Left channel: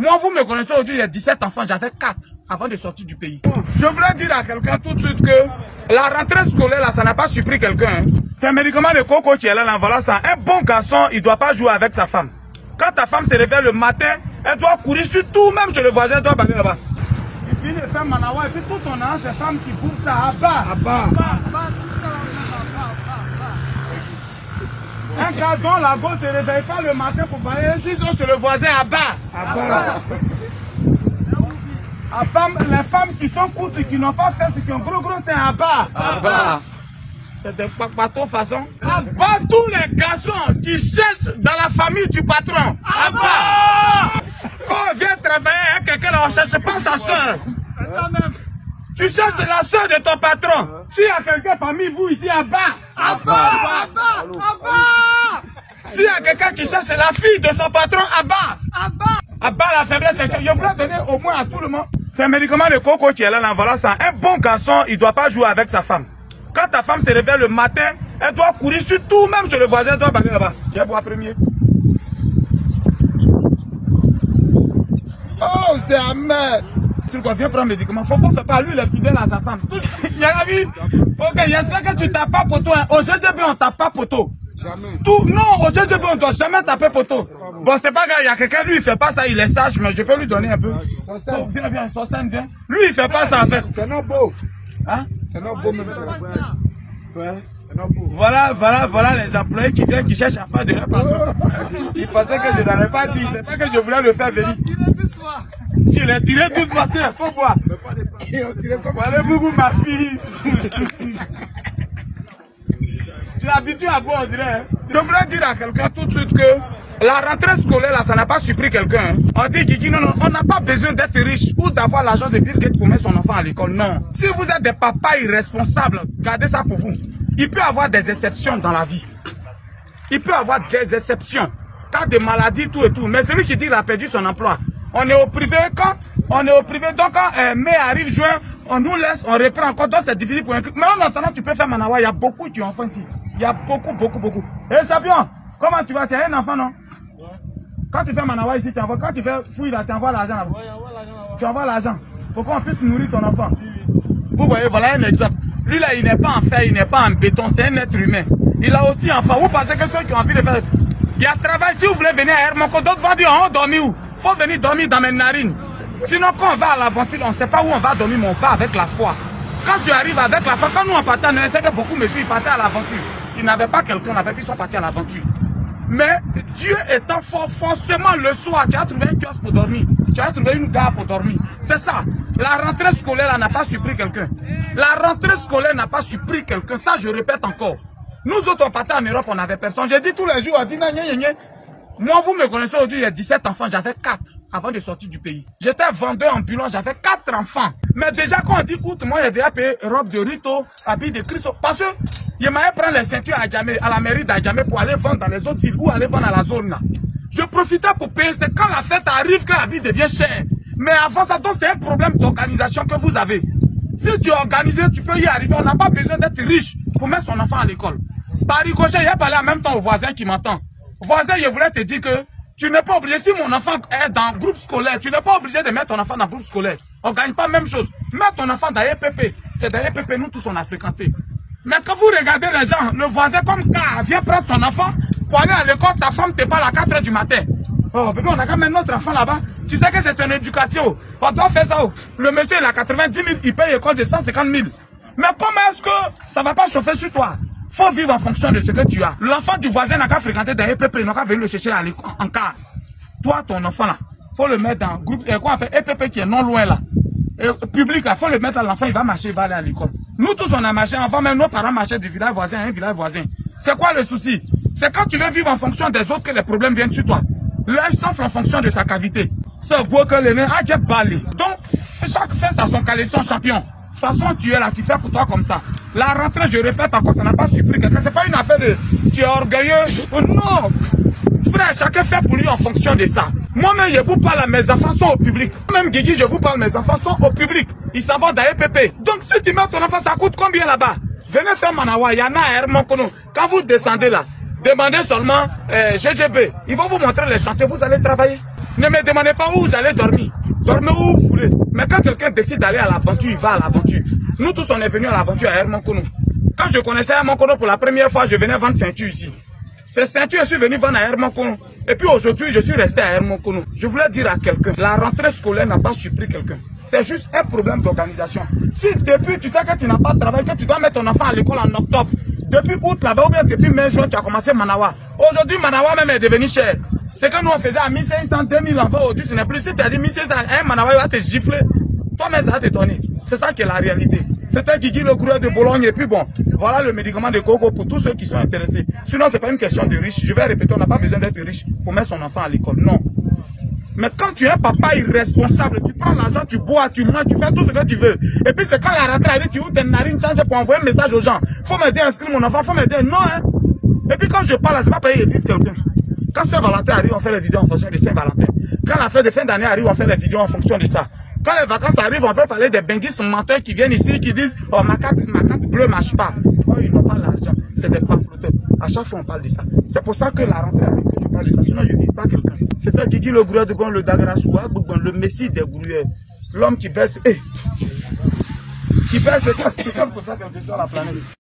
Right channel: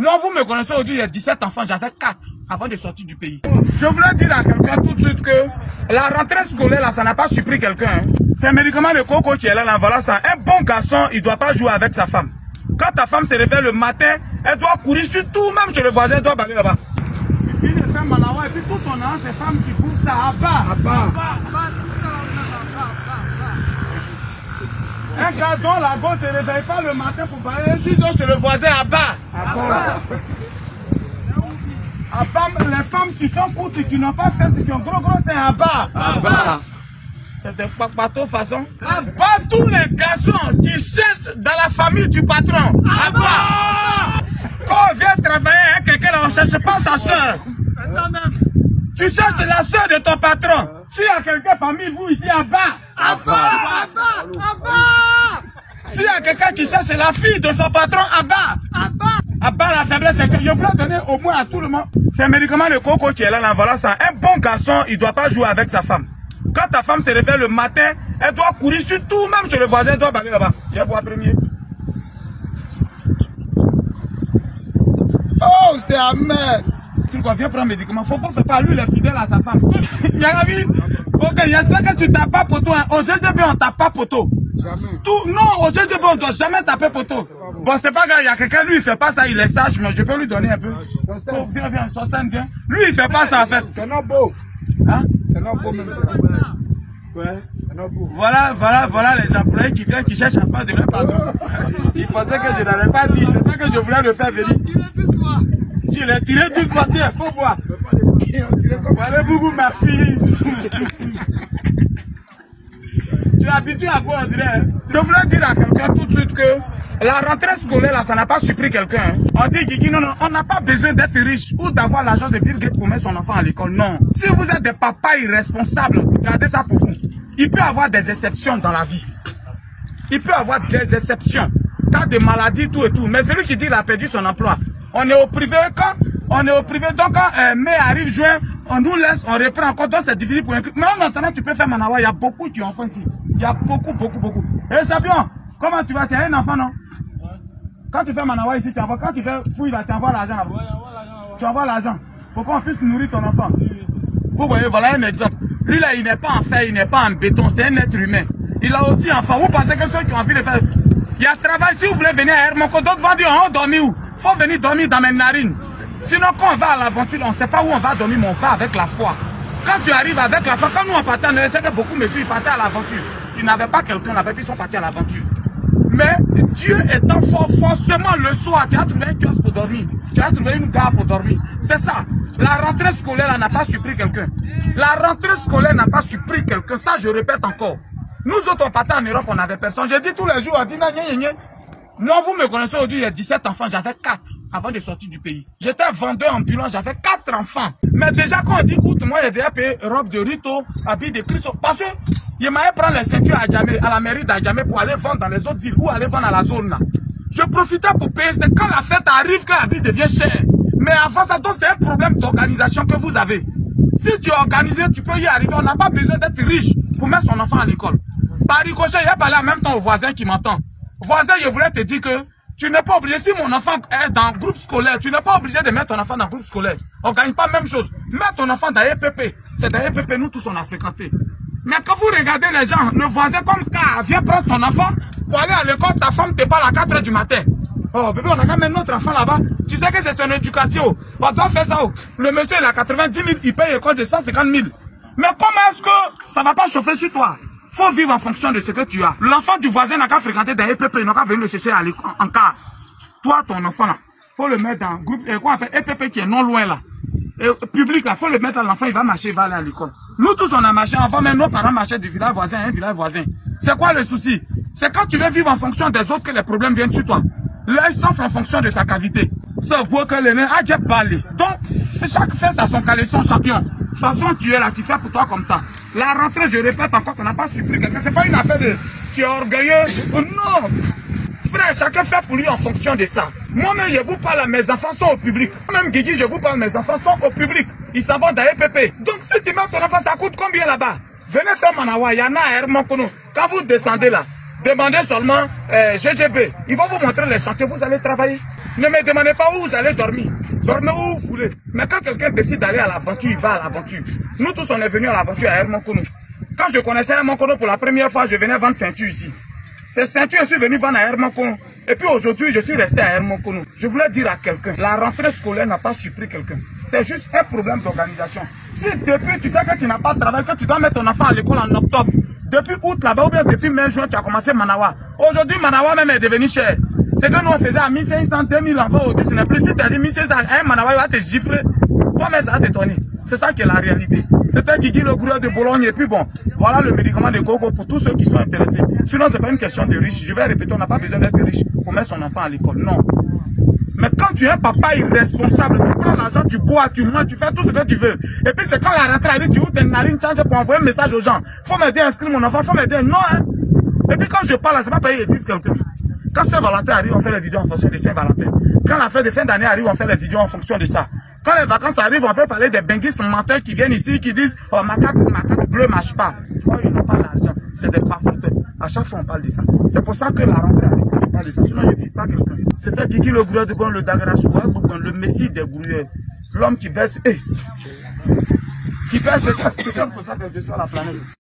Moi, vous me connaissez aujourd'hui, il y a 17 enfants, j'avais 4 avant de sortir du pays. Je voulais dire à quelqu'un tout de suite que la rentrée scolaire, là, ça n'a pas surpris quelqu'un. Hein. C'est un médicament de coco qui est là, voilà ça. Un bon garçon, il ne doit pas jouer avec sa femme. Quand ta femme se réveille le matin, elle doit courir sur tout, même chez le voisin, elle doit baller là-bas. Il finit de faire Manawa, et puis tout ton an, c'est femmes qui bouffent ça à bas. Un gars dont la gosse ne se réveille pas le matin pour bailler, juste chez le voisin à bas. Les femmes qui sont courtes et qui n'ont pas fait ce qui ont gros, c'est à bas. C'est des bateaux façon. À bas tous les garçons qui cherchent dans la famille du patron. À bas. Quand on vient travailler avec quelqu'un, on ne cherche pas sa soeur. Tu cherches la soeur de ton patron. S'il y a quelqu'un parmi vous ici à bas. À bas. S'il y a quelqu'un qui cherche la fille de son patron à bas. À bas la faiblesse, je voulais donner au moins à tout le monde. C'est un médicament de coco qui est là, voilà ça. Un bon garçon, il ne doit pas jouer avec sa femme. Quand ta femme se réveille le matin, elle doit courir sur tout, même chez le voisin, elle doit baller là-bas. Je vais boire premier. Oh, c'est amer. Tu viens prendre un médicament. Faut pas lui, il est fidèle à sa femme. Il y a la vie. Ok, j'espère que tu tapes pas poteau. Hein. Au GGB, on tape pas poteau. Jamais. Non, au GGB, on ne doit jamais taper poteau. Bon, c'est pas grave, il y a quelqu'un, lui, il fait pas ça, il est sage, mais je peux lui donner un peu. Oh, viens, Sosten, viens. Lui, il fait pas ça, en fait. C'est non beau. Hein? C'est non beau, même. Ouais. Voilà les employés qui viennent, qui cherchent à faire de leur patron. Ils pensaient que je n'avais pas dit, c'est pas que je voulais le faire venir. Tu l'as tiré doucement, tiens, faut voir. Voilà, Boubou, ma fille. Tu es habitué à boire, on dirait. Je voulais dire à quelqu'un tout de suite que la rentrée scolaire, là, ça n'a pas surpris quelqu'un. Hein. On dit, Guigui, non, on n'a pas besoin d'être riche ou d'avoir l'argent de Bill Gates pour mettre son enfant à l'école. Non. Si vous êtes des papas irresponsables, gardez ça pour vous. Il peut y avoir des exceptions dans la vie. Il peut y avoir des exceptions. Cas de maladie, tout et tout. Mais celui qui dit qu'il a perdu son emploi, on est au privé quand on est au privé. Donc quand mai arrive, juin, on nous laisse, on reprend encore. Donc c'est difficile pour un truc. Mais en attendant, tu peux faire Manawa. Il y a beaucoup qui ont fait ici. Il y a beaucoup. Et Sabion, comment tu vas? Tu as un enfant, non? Ouais. Quand tu fais Manawa ici, tu envoies. Quand tu fais fouille là, tu envoies l'argent là-bas. Ouais, tu envoies l'argent. Pour qu'on puisse nourrir ton enfant. Vous voyez, voilà un exemple. Lui là, il n'est pas en fer, il n'est pas en béton, c'est un être humain. Il a aussi enfant. Vous pensez que ceux qui ont envie de faire... Il y a travail, si vous voulez venir à Hermonco, d'autres vont dire, on dormit où? Il faut venir dormir dans mes narines. Sinon, quand on va à l'aventure, on ne sait pas où on va dormir, mais on va avec la foi. Quand tu arrives avec la foi, quand nous on partait, on sait que beaucoup de messieurs partaient à l'aventure. Ils n'avaient pas quelqu'un avec qui ils sont partis à l'aventure. Mais Dieu étant fort, forcément le soir, tu as trouvé un kiosque pour dormir. Tu as trouvé une gare pour dormir. C'est ça. La rentrée scolaire n'a pas surpris quelqu'un. La rentrée scolaire n'a pas surpris quelqu'un. Ça, je répète encore. Nous autres, on partait en Europe, on n'avait personne. J'ai dit tous les jours, on dit, moi, vous me connaissez aujourd'hui, il y a 17 enfants, j'avais 4 avant de sortir du pays. J'étais vendeur ambulant, j'avais 4 enfants. Mais déjà, quand on dit, écoute, moi, j'ai déjà payé robe de Rito, habit de Christo. Parce que, il m'avait prendre les ceintures à Djamé, à la mairie d'Adjamé pour aller vendre dans les autres villes ou aller vendre à la zone là. Je profitais pour payer. C'est quand la fête arrive que l'habit devient cher. Mais avant ça, donc, c'est un problème d'organisation que vous avez. Si tu es organisé, tu peux y arriver. On n'a pas besoin d'être riche pour mettre son enfant à l'école. Par ricochet, il a parlé en même temps au voisin qui m'entend. Voisin, je voulais te dire que tu n'es pas obligé, si mon enfant est dans le groupe scolaire, tu n'es pas obligé de mettre ton enfant dans le groupe scolaire. On ne gagne pas la même chose. Mets ton enfant dans EPP. C'est dans EPP, nous tous on a fréquenté. Mais quand vous regardez les gens, le voisin comme K vient prendre son enfant pour aller à l'école, ta femme te parle à 4 h du matin. Oh bébé, on a quand même notre enfant là-bas. Tu sais que c'est son éducation. On doit faire ça. Le monsieur il a 90 000, il paye l'école de 150 000. Mais comment est-ce que ça ne va pas chauffer sur toi? Faut vivre en fonction de ce que tu as. L'enfant du voisin n'a qu'à fréquenter des EPP, il n'a qu'à venir le chercher à l'école en car. Toi, ton enfant là, faut le mettre dans un groupe, quoi on appelle EPP qui est non loin là. Et public là, faut le mettre à l'enfant, il va marcher, il va aller à l'école. Nous tous on a marché, avant même nos parents marchaient du village voisin à un village voisin. C'est quoi le souci? C'est quand tu veux vivre en fonction des autres que les problèmes viennent sur toi. L'œil s'enfle en fonction de sa cavité. C'est beau que le nez a déjà balé. Donc, chaque fesse a son caleçon champion. De toute façon, tu es là, tu fais pour toi comme ça. La rentrée, je répète encore, ça n'a pas surpris quelqu'un. C'est pas une affaire de tu es orgueilleux. Oh, non. Frère, chacun fait pour lui en fonction de ça. Moi-même, je vous parle, mes enfants sont au public. Même Guigui, je vous parle, mes enfants sont au public. Ils s'en vont dans EPP. Donc, si tu mets ton enfant, ça coûte combien là-bas? Venez faire Manawa, il y en a à Hermonco. Quand vous descendez là, demandez seulement GGB. Ils vont vous montrer les chantiers, vous allez travailler. Ne me demandez pas où vous allez dormir. Dormez où vous voulez. Mais quand quelqu'un décide d'aller à l'aventure, il va à l'aventure. Nous tous, on est venus à l'aventure à Hermonkono. Quand je connaissais Hermonkono pour la première fois, je venais vendre ceinture ici. Ces ceintures, je suis venu vendre à Hermonkono. Et puis aujourd'hui, je suis resté à Hermonkono. Je voulais dire à quelqu'un, la rentrée scolaire n'a pas surpris quelqu'un. C'est juste un problème d'organisation. Si depuis, tu sais que tu n'as pas de travail, que tu dois mettre ton enfant à l'école en octobre, depuis août là-bas, ou bien depuis mai, juin, tu as commencé Manawa. Aujourd'hui, Manawa même est devenu cher. Ce que nous on faisait à 1500, 2000 enfants au-dessus, ce n'est plus. Si tu as dit 1500, un Manawa, il va te gifler. Toi-même, ça va t'étonner. C'est ça qui est la réalité. C'était Guigui le gourou de Bologne. Et puis bon, voilà le médicament de gogo pour tous ceux qui sont intéressés. Sinon, ce n'est pas une question de riche. Je vais répéter, on n'a pas besoin d'être riche pour mettre son enfant à l'école. Non. Mais quand tu es un papa irresponsable, tu prends l'argent, tu bois, tu manges, tu fais tout ce que tu veux. Et puis c'est quand la rentrée arrive, tu ouvres tes narines, changes pour envoyer un message aux gens. Faut m'aider à inscrire mon enfant, faut m'aider. Non, hein. Et puis quand je parle, c'est pas payer les fils quelqu'un. Quand Saint-Valentin arrive, on fait les vidéos en fonction de Saint-Valentin. Quand la fête de fin d'année arrive, on fait les vidéos en fonction de ça. Quand les vacances arrivent, on peut parler des benguistes menteurs qui viennent ici, qui disent « Oh, ma carte bleue ne marche pas. » Oh, ils n'ont pas l'argent. C'est des plaforteurs. À chaque fois, on parle de ça. C'est pour ça que la rentrée arrive, je parle de ça. Sinon, je ne dis pas quelqu'un. C'était Guigui le gourou de bon, le Dagrassoua, le messie des gourous. L'homme qui baisse, qui baisse, c'est comme ça que je suis sur la planète.